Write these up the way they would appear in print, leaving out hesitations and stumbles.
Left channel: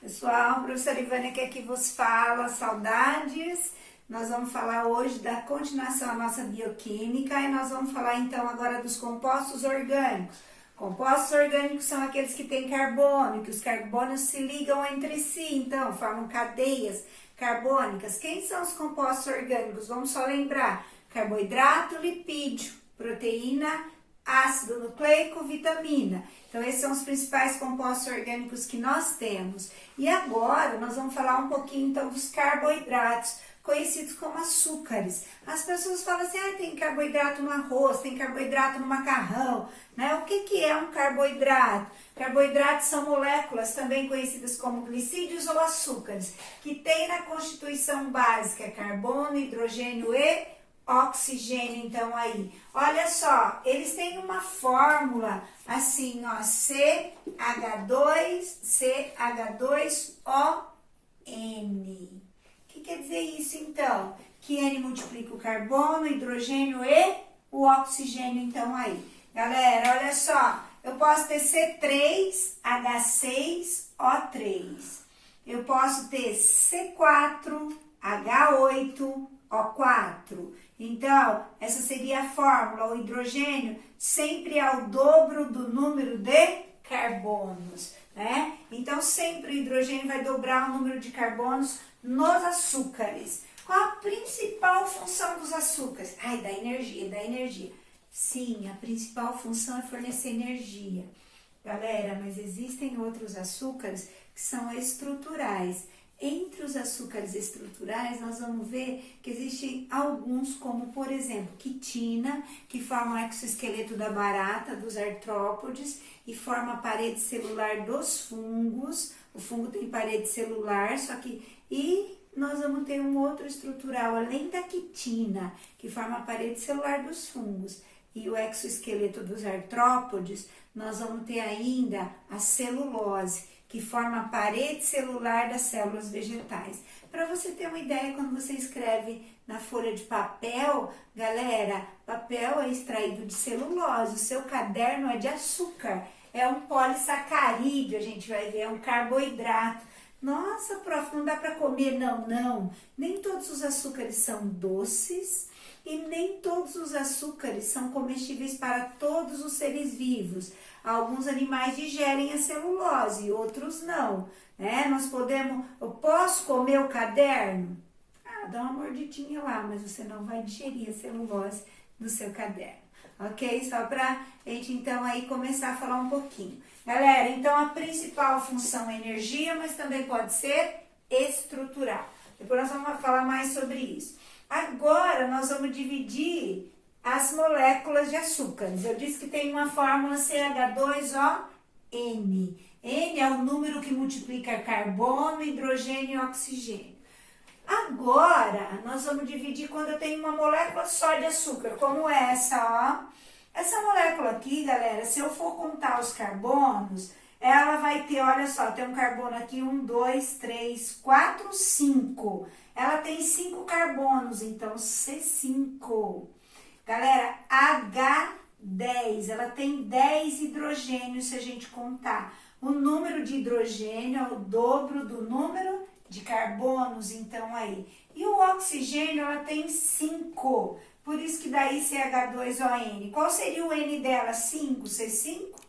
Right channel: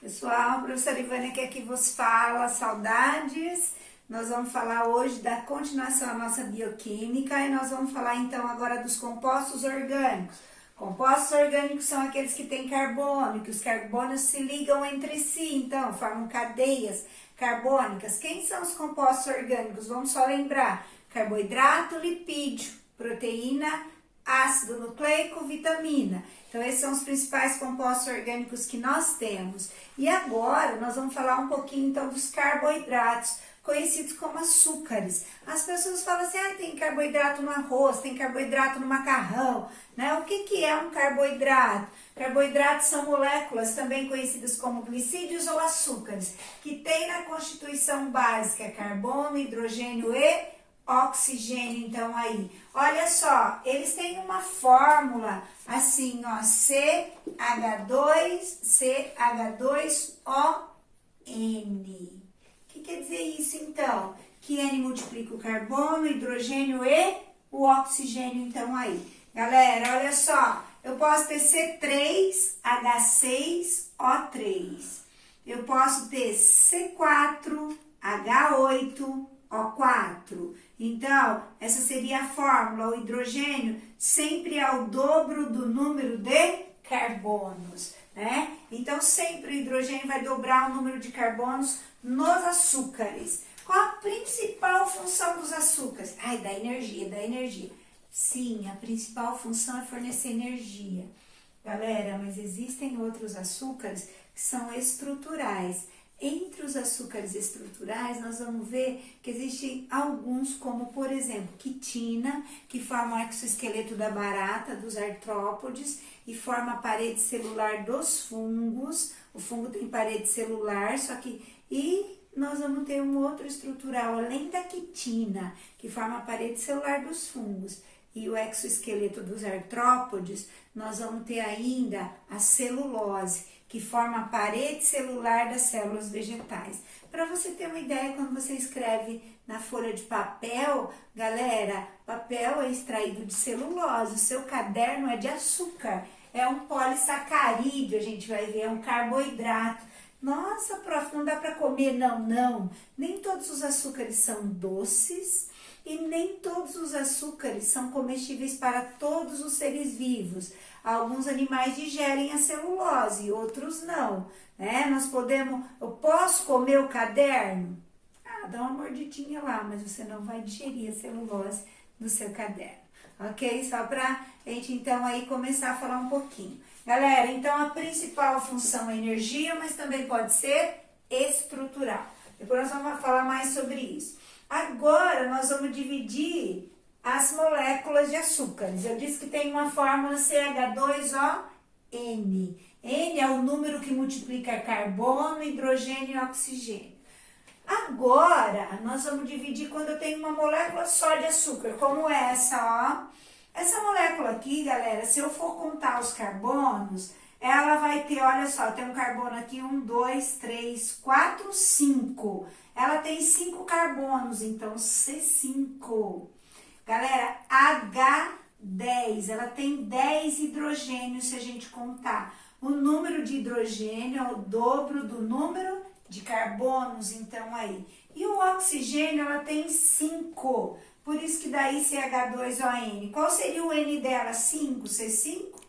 Pessoal, professora Ivânia que aqui vos fala, saudades. Nós vamos falar hoje da continuação da nossa bioquímica e nós vamos falar então agora dos compostos orgânicos. Compostos orgânicos são aqueles que têm carbono, que os carbonos se ligam entre si, então formam cadeias carbônicas. Quem são os compostos orgânicos? Vamos só lembrar: carboidrato, lipídio, proteína, ácido nucleico, vitamina. Então, esses são os principais compostos orgânicos que nós temos. E agora, nós vamos falar um pouquinho, então, dos carboidratos, conhecidos como açúcares. As pessoas falam assim, tem carboidrato no arroz, tem carboidrato no macarrão, né? O que é um carboidrato? Carboidratos são moléculas, também conhecidas como glicídios ou açúcares, que têm na constituição básica carbono, hidrogênio e oxigênio, então aí. Olha só, eles têm uma fórmula assim, ó, CH2ON. O que quer dizer isso, então? Que N multiplica o carbono, o hidrogênio e o oxigênio, então aí. Galera, olha só, eu posso ter C3H6O3. Eu posso ter C4H8O4. Então, essa seria a fórmula. O hidrogênio sempre é o dobro do número de carbonos, né? Então, sempre o hidrogênio vai dobrar o número de carbonos nos açúcares. Qual a principal função dos açúcares? Da energia. Sim, a principal função é fornecer energia. Galera, mas existem outros açúcares que são estruturais. Entre os açúcares estruturais, nós vamos ver que existem alguns, como por exemplo, quitina, que forma o exoesqueleto da barata, dos artrópodes, e forma a parede celular dos fungos. O fungo tem parede celular, e nós vamos ter um outro estrutural, além da quitina, que forma a parede celular dos fungos, e o exoesqueleto dos artrópodes, nós vamos ter ainda a celulose, que forma a parede celular das células vegetais. Para você ter uma ideia, quando você escreve na folha de papel, galera, papel é extraído de celulose, o seu caderno é de açúcar, é um polissacarídeo, a gente vai ver, é um carboidrato. Nossa, prof, não dá para comer, não. Nem todos os açúcares são doces e nem todos os açúcares são comestíveis para todos os seres vivos. Alguns animais digerem a celulose, outros não, né? Eu posso comer o caderno? Dá uma mordidinha lá, mas você não vai digerir a celulose do seu caderno, ok? Só pra gente, então, aí começar a falar um pouquinho. Galera, então, a principal função é energia, mas também pode ser estrutural. Depois nós vamos falar mais sobre isso. Agora, nós vamos dividir as moléculas de açúcares. Eu disse que tem uma fórmula CH2ON. N é o número que multiplica carbono, hidrogênio e oxigênio. Agora, nós vamos dividir quando eu tenho uma molécula só de açúcar, como essa, ó. Essa molécula aqui, galera, se eu for contar os carbonos, ela vai ter, olha só, tem um carbono aqui, 1, 2, 3, 4, 5. Ela tem 5 carbonos, então C5. Galera, H10, ela tem 10 hidrogênios se a gente contar. O número de hidrogênio é o dobro do número de carbonos, então aí. E o oxigênio, ela tem 5, por isso que daí CH2ON. Qual seria o N dela? 5, C5?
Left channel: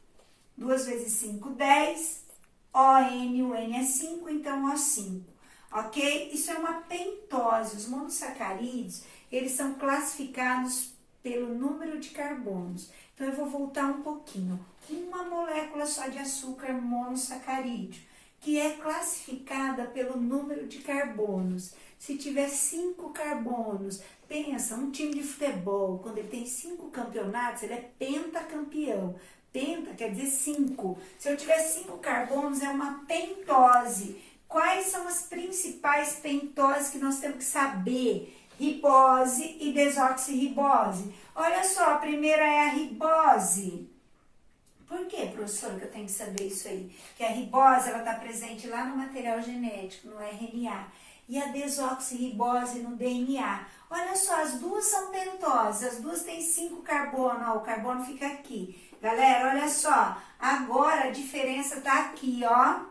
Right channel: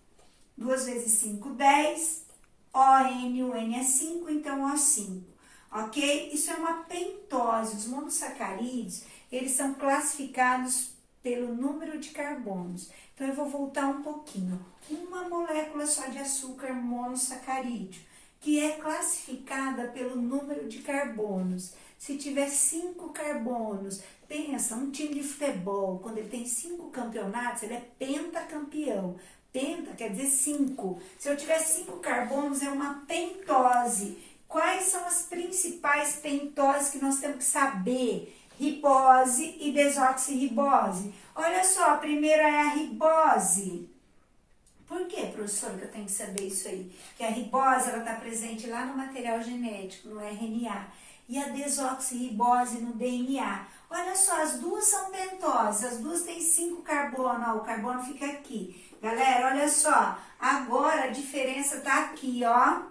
2 vezes 5, 10. ON, o N é 5, então O5. Ok? Isso é uma pentose. Os monossacarídeos, eles são classificados pelo número de carbonos. Então, eu vou voltar um pouquinho. Uma molécula só de açúcar monossacarídeo, que é classificada pelo número de carbonos. Se tiver 5 carbonos, pensa, um time de futebol, quando ele tem 5 campeonatos, ele é pentacampeão. Penta quer dizer 5. Se eu tiver 5 carbonos, é uma pentose. Quais são as principais pentoses que nós temos que saber? Ribose e desoxirribose. Olha só, a primeira é a ribose. Por que, professora, que eu tenho que saber isso aí? Porque a ribose, ela está presente lá no material genético, no RNA. E a desoxirribose no DNA. Olha só, as duas são pentoses, as duas têm 5 carbono, ó, o carbono fica aqui. Galera, olha só, agora a diferença tá aqui, ó.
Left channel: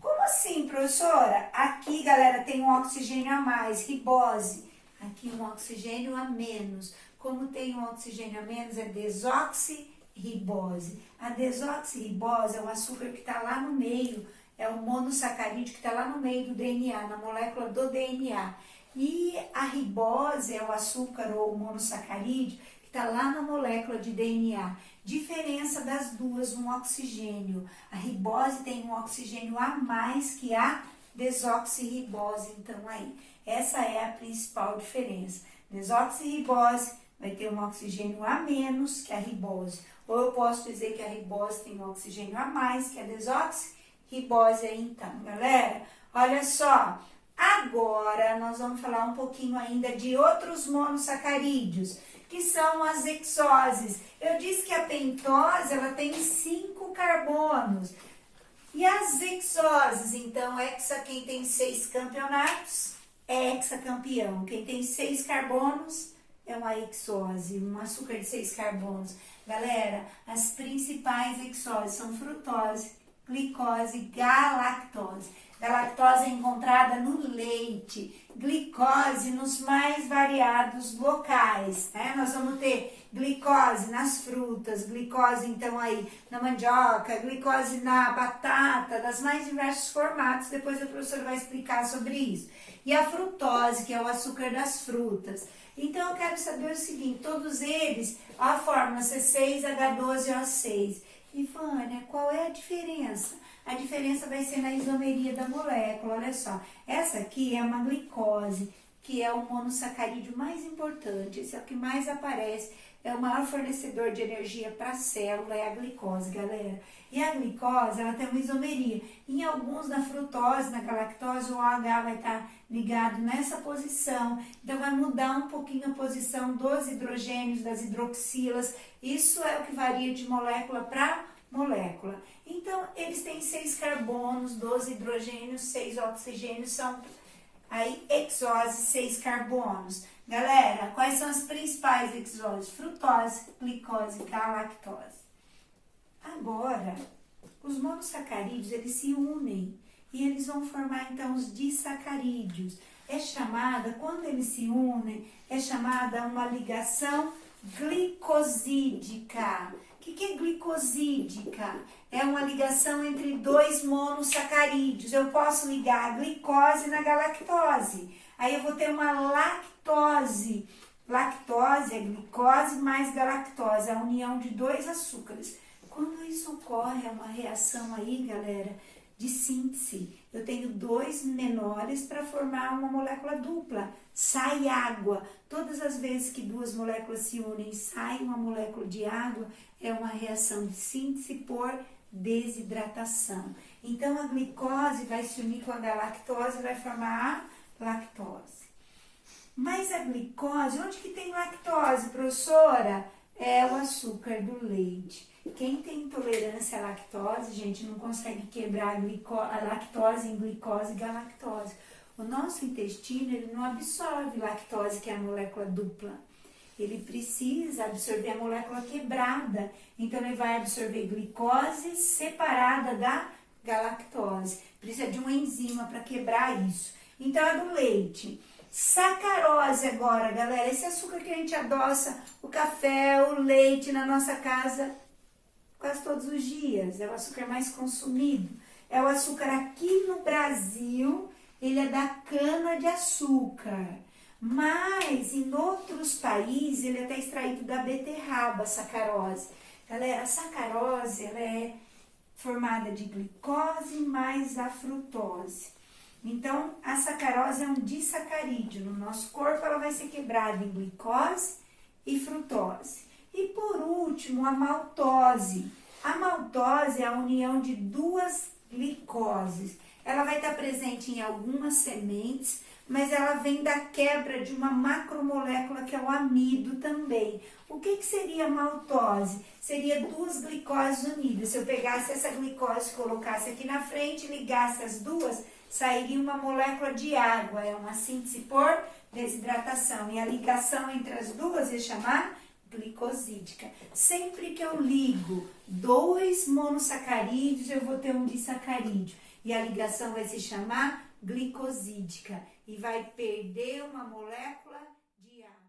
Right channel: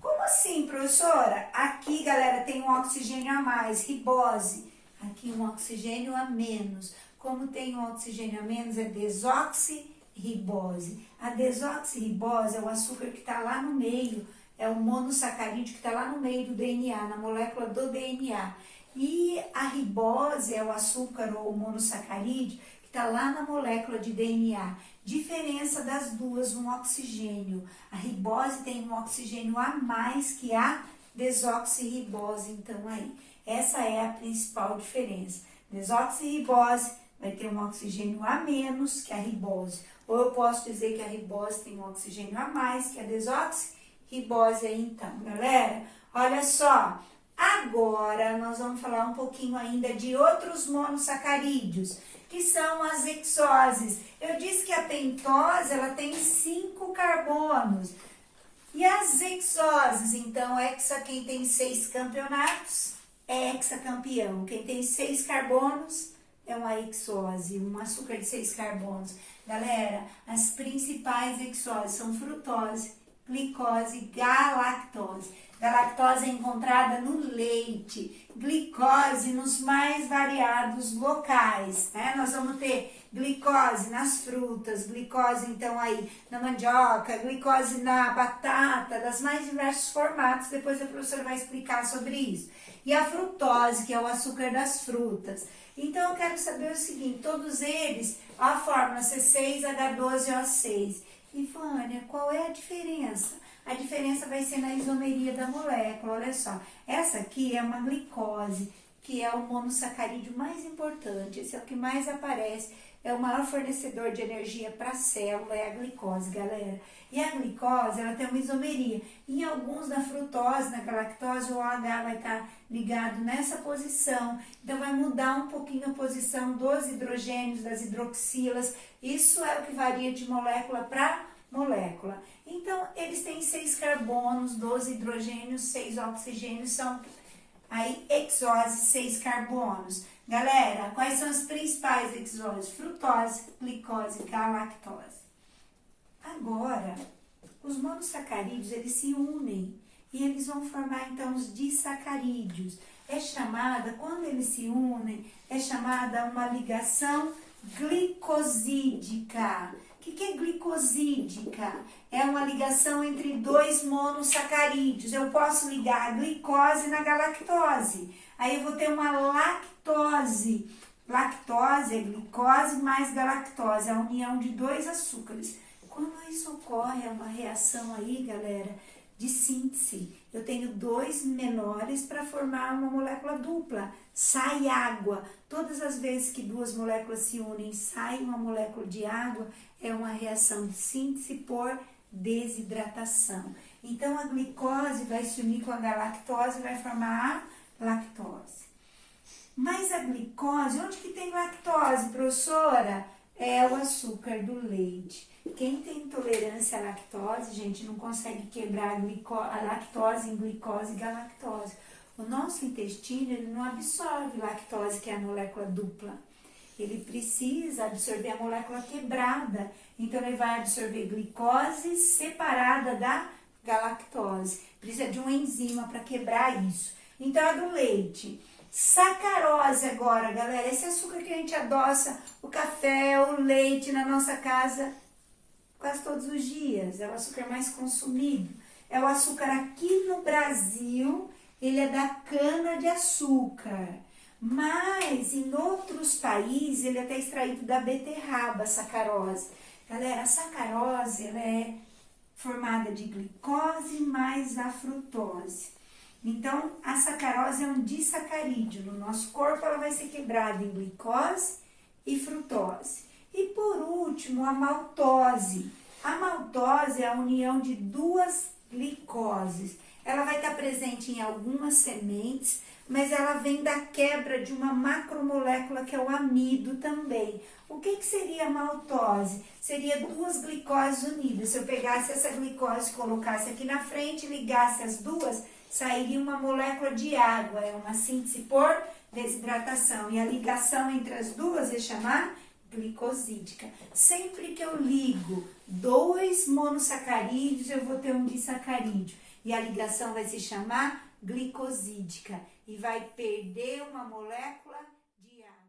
Como assim, professora? Aqui, galera, tem um oxigênio a mais, ribose. Aqui um oxigênio a menos. Como tem um oxigênio a menos, é desoxirribose. A desoxirribose é o açúcar que está lá no meio, é o monossacarídeo que está lá no meio do DNA, na molécula do DNA. E a ribose é o açúcar ou monossacarídeo que está lá na molécula de DNA. Diferença das duas, um oxigênio. A ribose tem um oxigênio a mais que a desoxirribose. Então, aí, essa é a principal diferença. Desoxirribose vai ter um oxigênio a menos que a ribose. Ou eu posso dizer que a ribose tem um oxigênio a mais que a desoxirribose. Aí, então, galera, olha só. Agora, nós vamos falar um pouquinho ainda de outros monossacarídeos, que são as hexoses. Eu disse que a pentose, ela tem 5 carbonos. E as hexoses, então, hexa, quem tem 6 campeonatos, é hexacampeão. Quem tem 6 carbonos, é uma hexose, um açúcar de 6 carbonos. Galera, as principais hexoses são frutose, glicose, galactose. Galactose é encontrada no leite, glicose nos mais variados locais, né? Nós vamos ter glicose nas frutas, glicose então aí na mandioca, glicose na batata, das mais diversos formatos, depois a professora vai explicar sobre isso. E a frutose, que é o açúcar das frutas. Então eu quero saber o seguinte, todos eles, a fórmula C6H12O6. E Vânia, qual é a diferença? A diferença vai ser na isomeria da molécula, olha só. Essa aqui é uma glicose, que é o monossacarídeo mais importante, esse é o que mais aparece, é o maior fornecedor de energia para a célula, é a glicose, galera. E a glicose, ela tem uma isomeria. Em alguns, na frutose, na galactose, o OH vai estar ligado nessa posição. Então, vai mudar um pouquinho a posição dos hidrogênios, das hidroxilas. Isso é o que varia de molécula para molécula. Então, eles têm 6 carbonos, 12 hidrogênios, 6 oxigênios, são aí hexoses, 6 carbonos. Galera, quais são as principais hexoses? Frutose, glicose, galactose. Agora, os monossacarídeos, eles se unem e eles vão formar, então, os disacarídeos. É chamada, quando eles se unem, é chamada uma ligação glicosídica. O que é glicosídica? É uma ligação entre 2 monossacarídeos. Eu posso ligar a glicose na galactose. Aí eu vou ter uma lactose. Lactose é glicose mais galactose, a união de 2 açúcares. Quando isso ocorre, é uma reação aí, galera, de síntese. Eu tenho 2 menores para formar uma molécula dupla. Sai água. Todas as vezes que 2 moléculas se unem, sai uma molécula de água, é uma reação de síntese por desidratação. Então, a glicose vai se unir com a galactose e vai formar a lactose. Mas a glicose, onde que tem lactose, professora? É o açúcar do leite. Quem tem intolerância à lactose, gente, não consegue quebrar a lactose em glicose e galactose. O nosso intestino, ele não absorve lactose, que é a molécula dupla. Ele precisa absorver a molécula quebrada. Então, ele vai absorver glicose separada da galactose. Precisa de uma enzima para quebrar isso. Então, é do leite. Sacarose agora, galera. Esse açúcar que a gente adoça o café, o leite na nossa casa quase todos os dias. É o açúcar mais consumido. É o açúcar aqui no Brasil, ele é da cana-de-açúcar. Mas em outros países, ele é até extraído da beterraba, sacarose. Galera, a sacarose, ela é formada de glicose mais a frutose. Então, a sacarose é um disacarídeo. No nosso corpo, ela vai ser quebrada em glicose e frutose. E por último, a maltose. A maltose é a união de 2 glicoses. Ela vai estar presente em algumas sementes, mas ela vem da quebra de uma macromolécula que é o amido também. O que seria a maltose? Seria 2 glicoses unidas. Se eu pegasse essa glicose, colocasse aqui na frente, ligasse as duas, sairia uma molécula de água. É uma síntese por desidratação. E a ligação entre as duas é chamar glicosídica. Sempre que eu ligo 2 monossacarídeos, eu vou ter um disacarídeo. E a ligação vai se chamar glicosídica e vai perder uma molécula de água.